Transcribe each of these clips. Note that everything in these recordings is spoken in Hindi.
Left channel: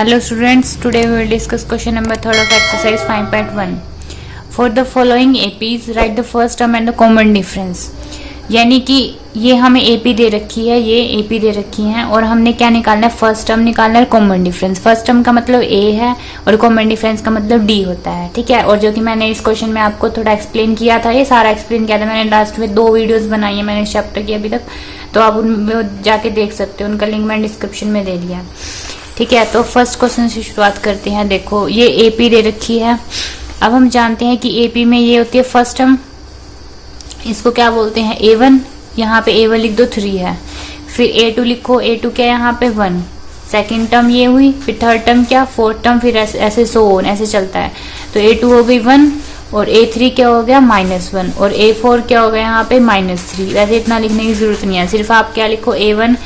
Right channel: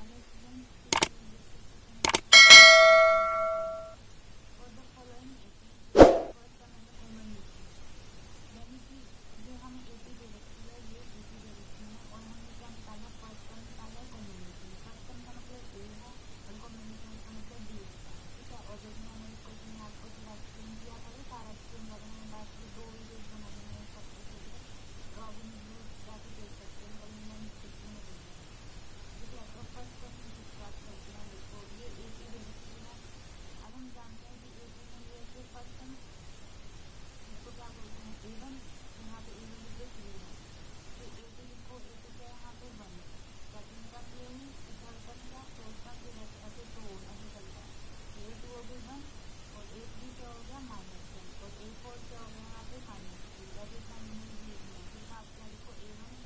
Hello students, today we will discuss question number 3 of exercise 5.1. For the following APs, write the first term and the common difference. यानी कि ये हमें AP दे रखी है, ये AP दे रखी है और हमने क्या निकालना है, फर्स्ट टर्म निकालना है, कॉमन डिफरेंस। फर्स्ट टर्म का मतलब A है और कॉमन डिफरेंस का मतलब D होता है, ठीक है। और जो कि मैंने इस क्वेश्चन में आपको थोड़ा एक्सप्लेन किया था, ये सारा एक्सप्लेन किया था मैंने लास्ट में 2 वीडियोस बनाई है मैंने इस चैप्टर की अभी तक, तो आप उनमें जाके देख सकते हो, उनका लिंक मैंने डिस्क्रिप्शन में दे दिया, ठीक है। तो फर्स्ट क्वेश्चन से शुरुआत करते हैं। देखो ये AP दे रखी है। अब हम जानते हैं कि AP में ये होती है फर्स्ट टर्म, इसको क्या बोलते हैं A1, यहाँ पे A1 लिख दो 3 है, फिर A2 लिखो, A2 क्या यहाँ पे 1, सेकेंड टर्म ये हुई, फिर थर्ड टर्म क्या, फोर्थ टर्म, फिर ऐसे सो ऑन ऐसे चलता है। तो A2 हो गई 1 और A3 क्या हो गया -1 और A4 क्या हो गया यहाँ पे -3। वैसे इतना लिखने की जरूरत नहीं है, सिर्फ आप क्या लिखो A1,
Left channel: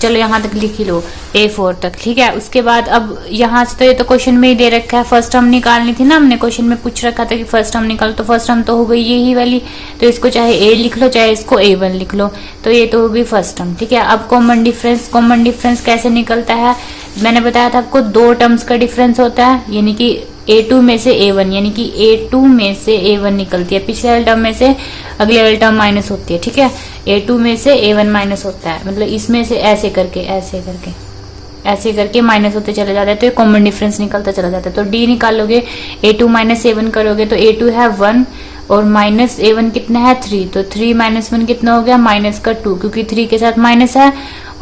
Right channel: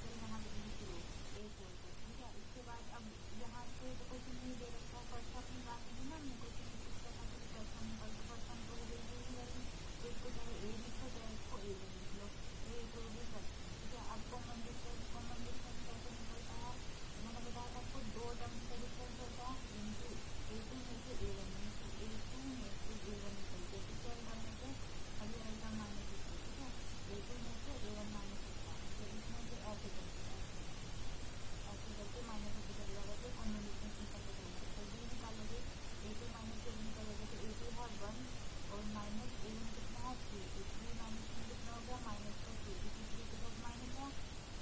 चलो यहाँ तक लिख ही लो, A4 तक, ठीक है। उसके बाद अब यहाँ से तो ये तो क्वेश्चन में ही दे रखा है, फर्स्ट टर्म निकालनी थी ना, हमने क्वेश्चन में पूछ रखा था कि फर्स्ट टर्म निकालो, तो फर्स्ट टर्म तो हो गई यही वाली, तो इसको चाहे A लिख लो चाहे इसको A1 लिख लो, तो ये तो हो गई फर्स्ट टर्म, ठीक है। अब कॉमन डिफरेंस कैसे निकलता है, मैंने बताया था आपको 2 टर्म्स का डिफरेंस होता है, यानी कि A2 में से A1, यानी कि A2 में से A1 निकलती है, पिछले वाले टर्म में से अगले वाले टर्म माइनस होती है, ठीक है। A2 में से A1 माइनस होता है, मतलब इसमें से ऐसे करके माइनस होते चले जाते हैं, तो ये कॉमन डिफरेंस निकलता चला जाता है। तो D निकालोगे, A2 माइनस A1 करोगे तो A2 है 1 और माइनस A1 कितना है 3, तो 3 माइनस 1 कितना हो गया -2, क्योंकि 3 के साथ माइनस है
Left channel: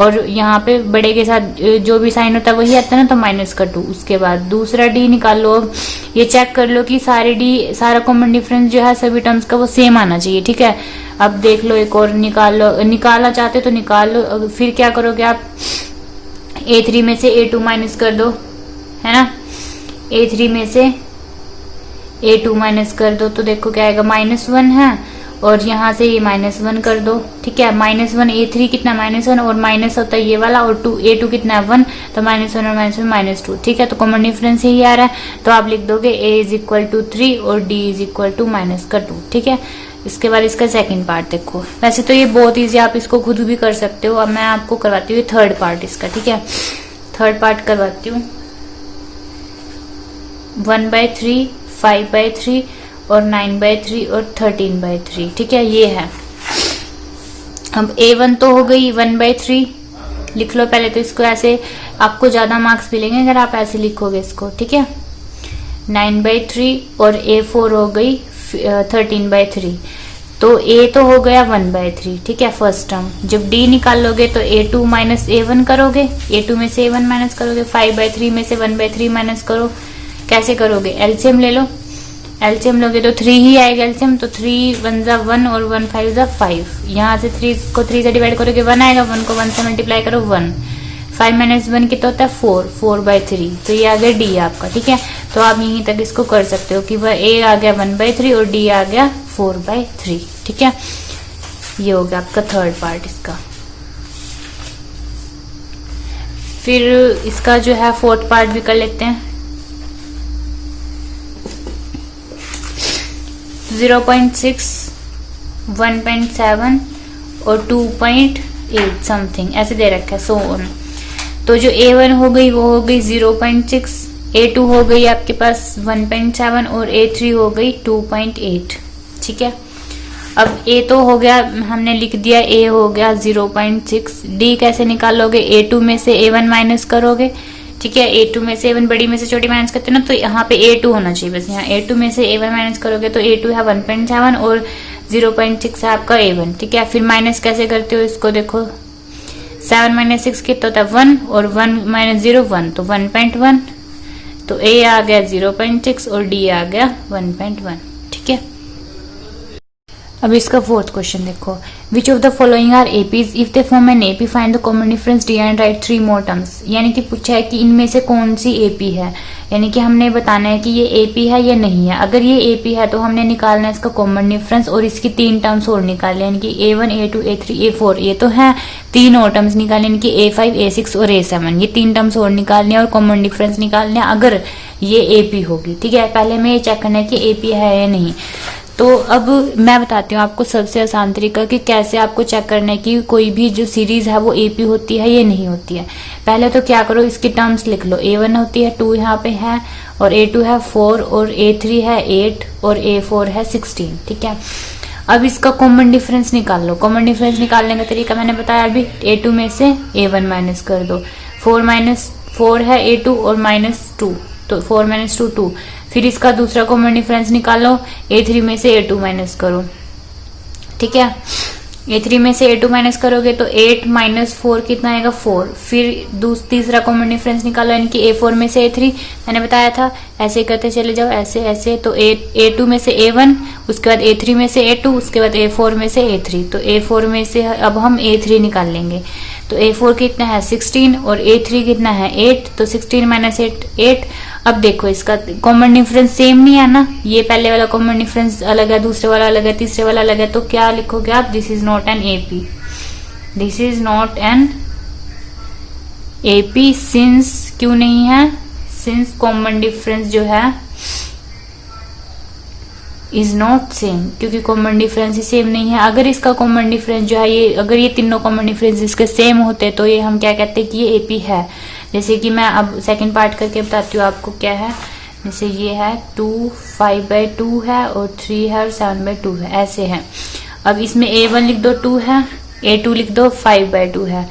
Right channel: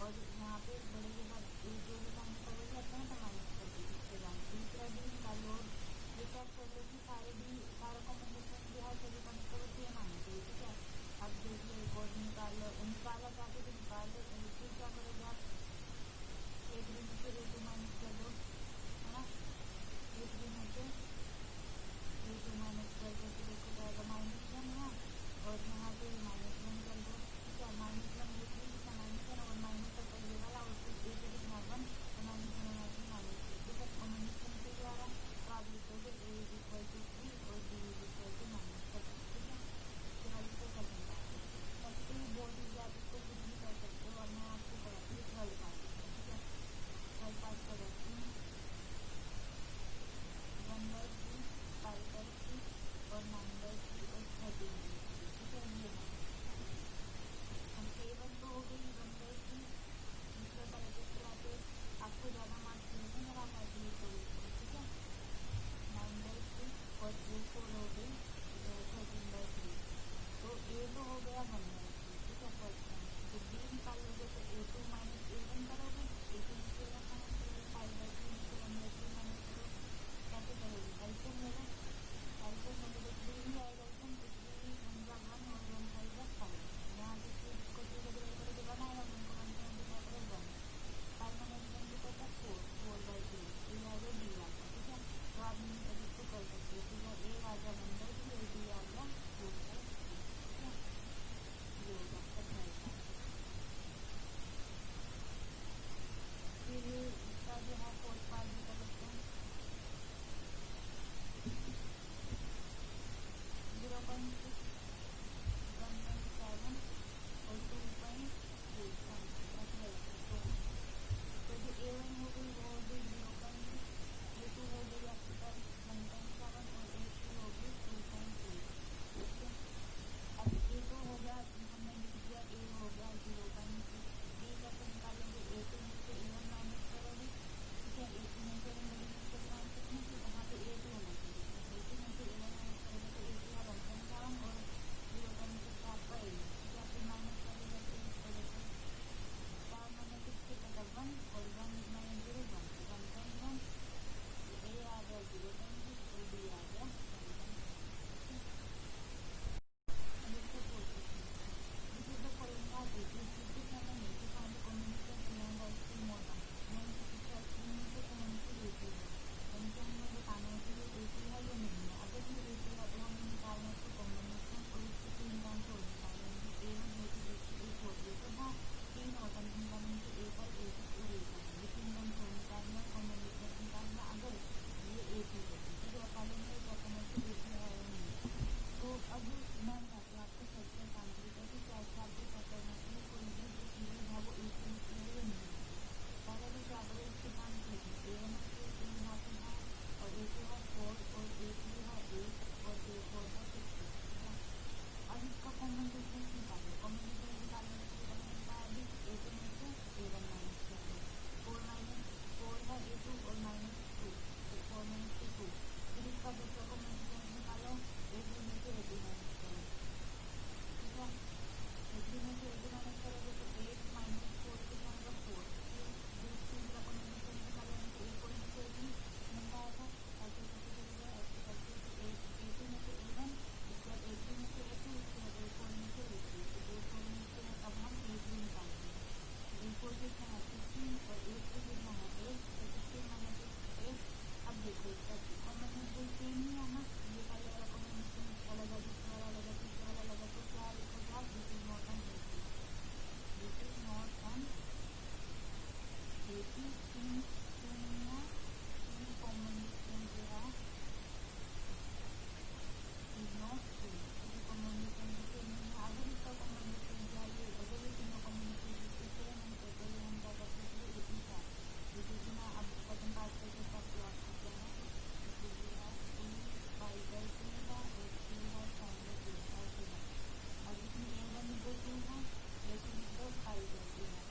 और यहाँ पे बड़े के साथ जो भी साइन होता है वही आता है ना, तो -2। उसके बाद दूसरा D निकाल लो, ये चेक कर लो कि सारा कॉमन डिफरेंस जो है सभी टर्म्स का वो सेम आना चाहिए, ठीक है। अब देख लो, एक और निकाल लो, निकालना चाहते तो निकाल लो। फिर क्या करोगे आप, A3 में से A2 माइनस कर दो, है ना, A3 में से A2 माइनस कर दो, तो देखो क्या आएगा, -1 है और यहाँ से ये -1 कर दो, ठीक है। -1 A3 कितना -1 और माइनस होता है ये वाला, और A2 कितना है 1, तो -1 और -1 -2, ठीक है। तो कॉमन डिफरेंस यही आ रहा है, तो आप लिख दोगे A = 3 और D = -2, ठीक है। इसके बाद इसका सेकंड पार्ट देखो, वैसे तो ये बहुत इजी, आप इसको खुद भी कर सकते हो। अब मैं आपको करवाती हूँ थर्ड पार्ट इसका, ठीक है। थर्ड पार्ट करवाती हूँ, 1/3, 5/3 और 9/3 और 13/3, ठीक है, ये है। अब A1 तो हो गई 1/3, लिख लो पहले तो इसको ऐसे, आपको ज्यादा मार्क्स मिलेंगे अगर आप ऐसे लिखोगे इसको, ठीक है। 9/3 और A4 हो गई 13/3, तो A तो हो गया 1/3, ठीक है, फर्स्ट टर्म। जब D निकाल लोगे तो A2 माइनस A1 करोगे, A2 में से A1 माइनस करोगे, 5/3 में से 1/3 माइनस करो। कैसे करोगे, एलसीएम ले लो, एलसीएम लोगे तो 3 ही आएगा एलसीएम, तो 3 1 = 1 और 1 5 = 5। यहाँ से 3 को 3 से डिवाइड करोगे 1 आएगा, 1 को 1 से मल्टीप्लाई करो 1, 5 - 1 कितना होता है 4/3, तो ये आ गया D आपका, ठीक है। तो आप यहीं तक इसको कर सकते हो कि वह A आ गया 1/3 और D आ गया 4/3, ठीक है। ये हो गया आपका थर्ड पार्ट इसका। फिर इसका जो है फोर्थ पार्ट भी कर लेते हैं। 0.6, 1.7 और 2.8 समथिंग ऐसे दे रखा है, सो ऑन। तो जो A1 हो गई वो हो गई 0.6, A2 हो गई आपके पास 1.7 और A3 हो गई 2.8, ठीक है। अब A तो हो गया, हमने लिख दिया, A हो गया 0.6। D कैसे निकालोगे, A2 में से A1 माइनस करोगे, ठीक है। A2 में से A1, बड़ी में से छोटी माइनस करते हैं ना, तो यहाँ पे A2 होना चाहिए बस, यहाँ A2 में से A1 माइनस करोगे तो A2 है 1.7 और 0.6 है आपका A1, ठीक है। फिर माइनस कैसे करते हो इसको, देखो 7 - 6 कितना होता है 1 और 1 - 0 1, तो 1.1, तो A आ गया 0.6 और D आ गया 1.1, ठीक है। अब इसका फोर्थ क्वेश्चन देखो, which of the following are APs, if they form an AP find the common difference D and write 3 more terms. यानी कि पूछा है कि इनमें से कौन सी एपी है, यानी कि हमने बताना है कि ये एपी है या नहीं है। अगर ये एपी है तो हमने निकालना है इसका कॉमन डिफरेंस और इसकी 3 टर्म्स और निकालने, यानी कि A1 A2 A3 A4, ये तो है 3 और टर्म्स निकालने, यानी कि A5 A6 और A7, ये 3 टर्म्स और निकालने और कॉमन डिफरेंस निकालने अगर ये एपी होगी, ठीक है। पहले हमें ये चेक करना है कि एपी है या नहीं। तो अब मैं बताती हूँ आपको सबसे आसान तरीका कि कैसे आपको चेक करना है कि कोई भी जो सीरीज है वो एपी होती है या नहीं होती है। पहले तो क्या करो, इसकी टर्म्स लिख लो। A1 होती है 2 यहाँ पे है, और A2 है 4, और A3 है 8, और A4 है 16। ठीक है, अब इसका कॉमन डिफरेंस निकाल लो। कॉमन डिफरेंस निकालने का तरीका मैंने बताया अभी, A2 में से A1 माइनस कर दो। 4 है A2 और -2, तो 4 - 2 2। फिर इसका दूसरा कॉमन डिफरेंस निकालो, A3 में से A2 माइनस करो। ठीक है, A3 में से A2 माइनस करोगे तो 8 - 4 कितना आएगा 4। फिर तीसरा कॉमन डिफरेंस निकालो, यानी कि A4 में से A3 मैंने बताया था, ऐसे करते चले जाओ, ऐसे ऐसे। तो A2 में से A1, उसके बाद A3 में से A2, उसके बाद A4 में से A3। तो A4 में से अब हम A3 निकाल लेंगे। तो A4 कितना है 16 और A3 कितना है 8, तो 16 - 8 8। अब देखो इसका कॉमन डिफरेंस सेम नहीं है ना, ये पहले वाला कॉमन डिफरेंस अलग है, दूसरे वाला अलग है, तीसरे वाला अलग है। तो क्या लिखोगे आप, this is not an AP, this is not an AP. Since क्यों नहीं है, सिंस कॉमन डिफरेंस जो है इज नॉट सेम, क्योंकि कॉमन डिफरेंस ही सेम नहीं है। अगर इसका कॉमन डिफरेंस जो है ये, अगर ये तीनों कॉमन डिफरेंस इसके सेम होते तो ये हम क्या कहते हैं कि ये एपी है। जैसे कि मैं अब सेकंड पार्ट करके बताती हूँ आपको क्या है। जैसे ये है 2 5/2 है, और 3 है, और 7/2 है, ऐसे है। अब इसमें A1 लिख दो 2 है, A2 लिख दो 5/2 है,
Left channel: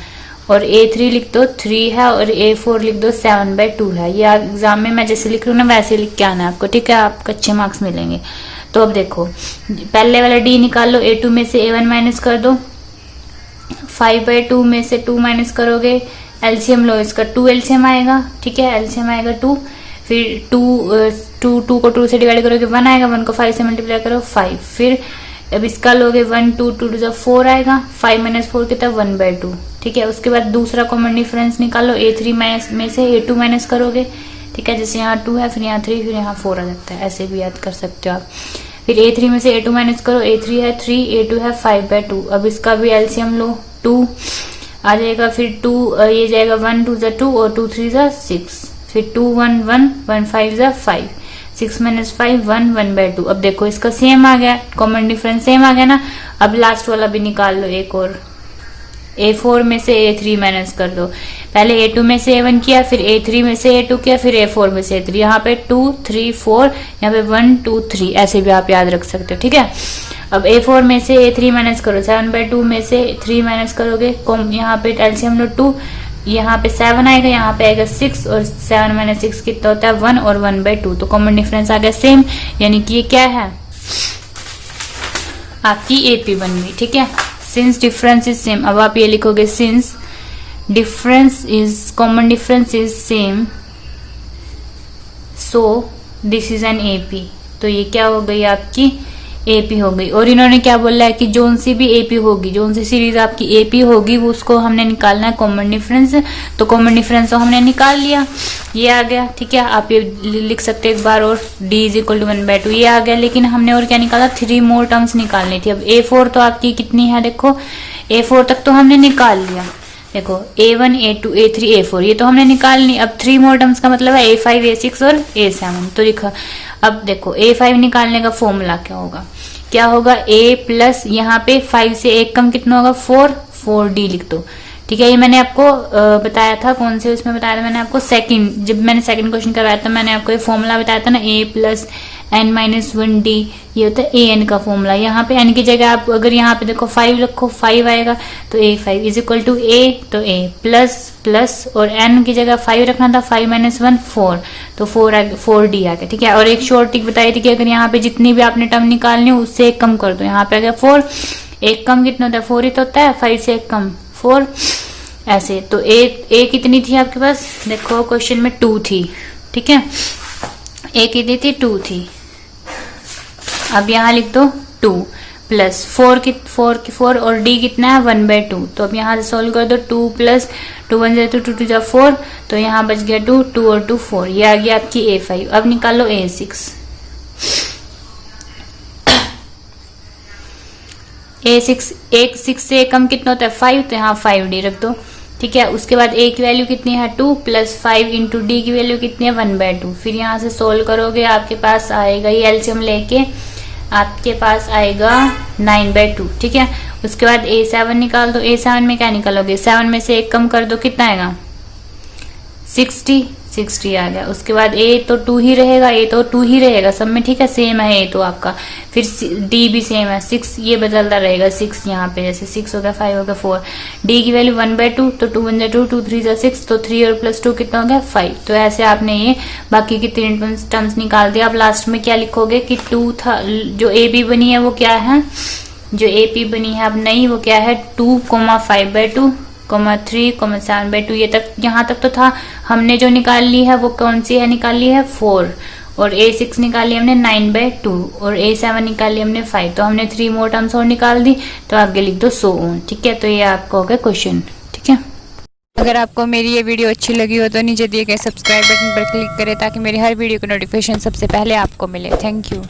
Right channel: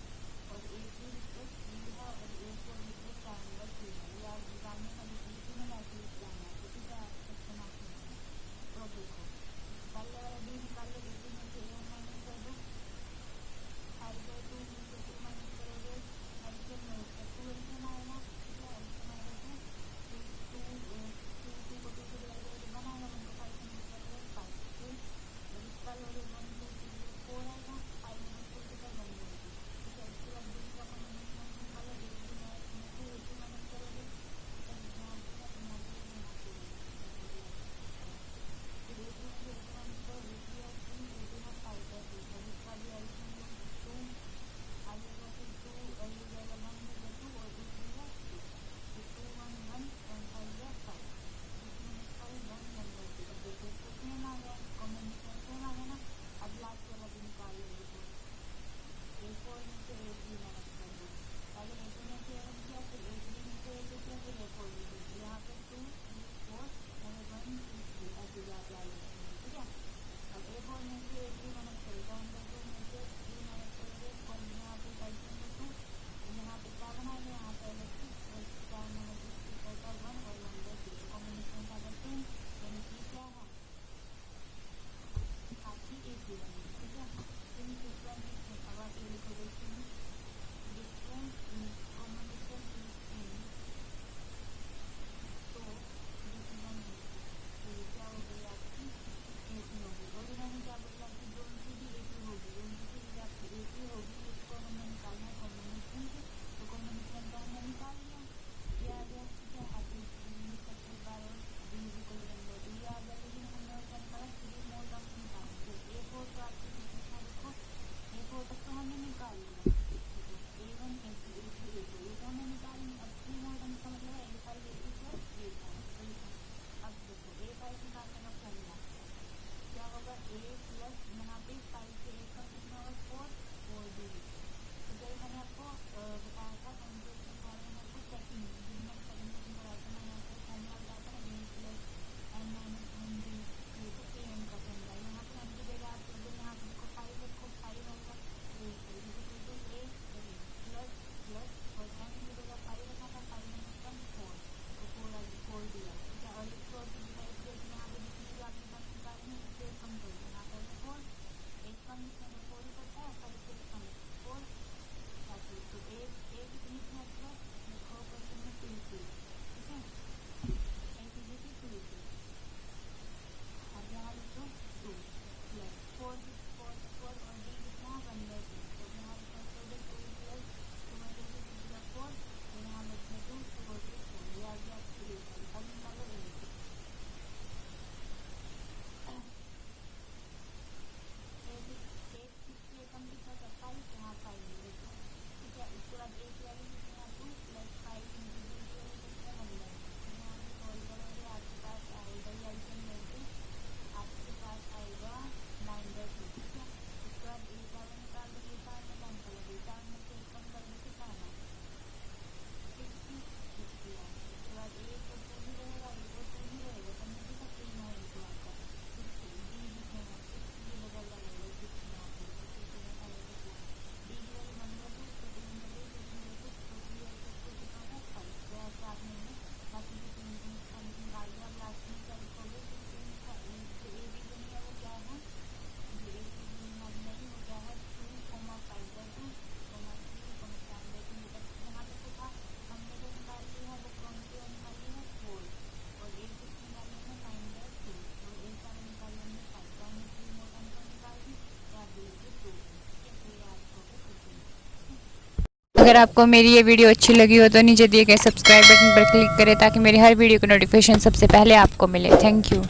और A3 लिख दो 3 है, और A4 लिख दो 7/2 है। ये एग्जाम में मैं जैसे लिख रही हूँ ना वैसे लिख के आना है आपको, ठीक है, आपको अच्छे मार्क्स मिलेंगे। तो अब देखो पहले वाला D निकाल लो, A2 में से A1 माइनस कर दो, 5/2 में से 2 माइनस करोगे, एलसीएम लो इसका, 2 एलसीएम आएगा। ठीक है, एलसीएम आएगा 2, फिर 2 को 2 से डिवाइड करोगे 1 आएगा, 1 को 5 से मल्टीप्लाई करो 5। फिर अब इसका लोगे 1 2 2 2 4 आएगा, 5 - 4 कितना 1/2। ठीक है, उसके बाद दूसरा कॉमन डिफरेंस निकालो, A3 में से A2 माइनस करोगे। ठीक है, जैसे यहाँ 2 है, फिर यहाँ 3, फिर यहाँ 4 आ जाता है, ऐसे भी याद कर सकते हो आप। फिर A3 में से A2 माइनस करो, A3 है 3, A2 है 5/2। अब इसका भी एलसीएम लो, 2 आ जाएगा, फिर 2 ये जाएगा 1 2 = 2, और 2 3 = 6, फिर 2 1 1 1 5 = 5, 6 - 5 1 1/2। अब देखो इसका सेम आ गया, कॉमन डिफरेंस सेम आ गया ना। अब लास्ट वाला भी निकाल लो एक और, A4 में से A3 माइनस कर दो। पहले A2 में से A1 किया, फिर A3 में से A2 किया, फिर A4 में से A3। यहाँ पे 2 3 4, यहाँ पे 1 2 3, ऐसे भी आप याद रख सकते हो। ठीक है, अब A4 में से A3 माइनस करो, 7/2 में से 3 माइनस करोगे, यहाँ पे एलसीएम लो 2, यहाँ पे 7 आएगा, यहाँ पे आएगा 6, और 7 - 6 कितना होता है 1, और 1/2। तो कॉमन डिफरेंस आ गया सेम, यानी कि ये क्या है आपकी एपी बन गई। ठीक है, सिंस डिफरेंस इज सेम। अब आप ये लिखोगे, since difference is common difference is same, so this is an AP. तो ये क्या हो गई आपकी एपी हो गई। और इन्होंने क्या बोला है कि जोन सी भी एपी होगी, जोन सी सीरीज आपकी एपी होगी वो उसको हमने निकालना है कॉमन डिफरेंस। तो कॉमन डिफरेंस तो हमने निकाल लिया, ये आ गया। ठीक है, आप ये लिख सकते हैं एक बार और, D = 1/2 ये आ गया। लेकिन हमने और क्या निकाला, 3 मोर टर्म्स निकालनी थी। अब A4 तो आपकी कितनी है, देखो A4 तक तो हमने निकाल लिया। देखो A1 A2 A3 A4 ये तो हमने निकाल ली। अब 3 मोर टर्म्स का मतलब है A5 A6 और A7। तो लिखा, अब देखो A5 निकालने का फॉर्मूला क्या होगा A प्लस यहाँ पे 5 से 1 कम कितना होगा 4D लिख दो। ठीक है, ये मैंने आपको बताया था, कौन से उसमें बताया था मैंने आपको, जब मैंने सेकंड क्वेश्चन करवाया था मैंने आपको ये फॉर्मूला बताया था ना, A प्लस n - 1D, ये होता है AN का फॉर्मूला। यहाँ पे n की जगह आप अगर यहाँ पे देखो 5 रखो, 5 आएगा, तो A5 = A, तो A प्लस और n की जगह 5 रखना था, 5 - 1 4, तो 4D आ गया। ठीक है, और एक शॉर्ट ट्रिक बताई थी कि अगर यहाँ पे जितनी भी आपने टर्म निकालनी हो उससे 1 कम कर दो। यहाँ पे आ गया 4, 1 कम कितना होता है 4 ही तो होता है, 5 से 1 कम 4, ऐसे। तो A कितनी थी आपके पास, देखो क्वेश्चन में 2 थी। ठीक है, A कितनी थी 2 थी। अब यहाँ लिख दो 2 प्लस 4 और D कितना है 1/2। तो अब यहाँ से सोल्व कर दो, 2 + 2 1 = 2 2 = 4, तो यहाँ बच गया 2 2 और 2 4, ये आ गया आपकी A5। अब निकालो A6। A6 से कम कितना होता है 5, तो यहाँ 5D रख दो। ठीक है, उसके बाद A की वैल्यू कितनी है 2 प्लस 5 × D की वैल्यू कितनी है 1/2। फिर यहाँ से सोल्व करोगे आपके पास आएगा, ये एलसीएम लेके आपके पास आएगा 9/2, ठीक है। उसके बाद A7 निकाल दो। A7 में क्या निकालोगे, 7 में से 1 कम कर दो, कितना आएगा 60 आ गया। उसके बाद A तो 2 ही रहेगा, A तो 2 ही रहेगा सब में, ठीक है, सेम है A तो आपका। फिर D भी सेम है, 6 ये बदलता रहेगा, 6 यहाँ पे जैसे 6 हो गया, 5 हो गया, 4। D की वैल्यू 1/2, तो 2 1 2, 2 3 6, तो 3 और प्लस 2 कितना हो गया 5। तो ऐसे आपने ये बाकी की 3 टर्म्स निकाल दिया। अब लास्ट में क्या लिखोगे कि 2 था, जो AB बनी है वो क्या है, जो AP बनी है अब नई, वो क्या है 2, 5/2, 3, 7/2। ये तक, यहाँ तक तो था। हमने जो निकाल ली है वो कौन सी है, निकाल ली है 4, और A6 निकाली हमने 9/2, और A7 निकाली हमने 5। तो हमने 3 मोर टर्म्स और निकाल दी, तो आगे लिख दो सो ऑन, ठीक है। तो ये आपका हो गया क्वेश्चन, ठीक है। अगर आपको मेरी ये वीडियो अच्छी लगी हो तो नीचे दिए गए सब्सक्राइब बटन पर क्लिक करें ताकि मेरी हर वीडियो की नोटिफिकेशन सबसे पहले आपको मिले। Thank you.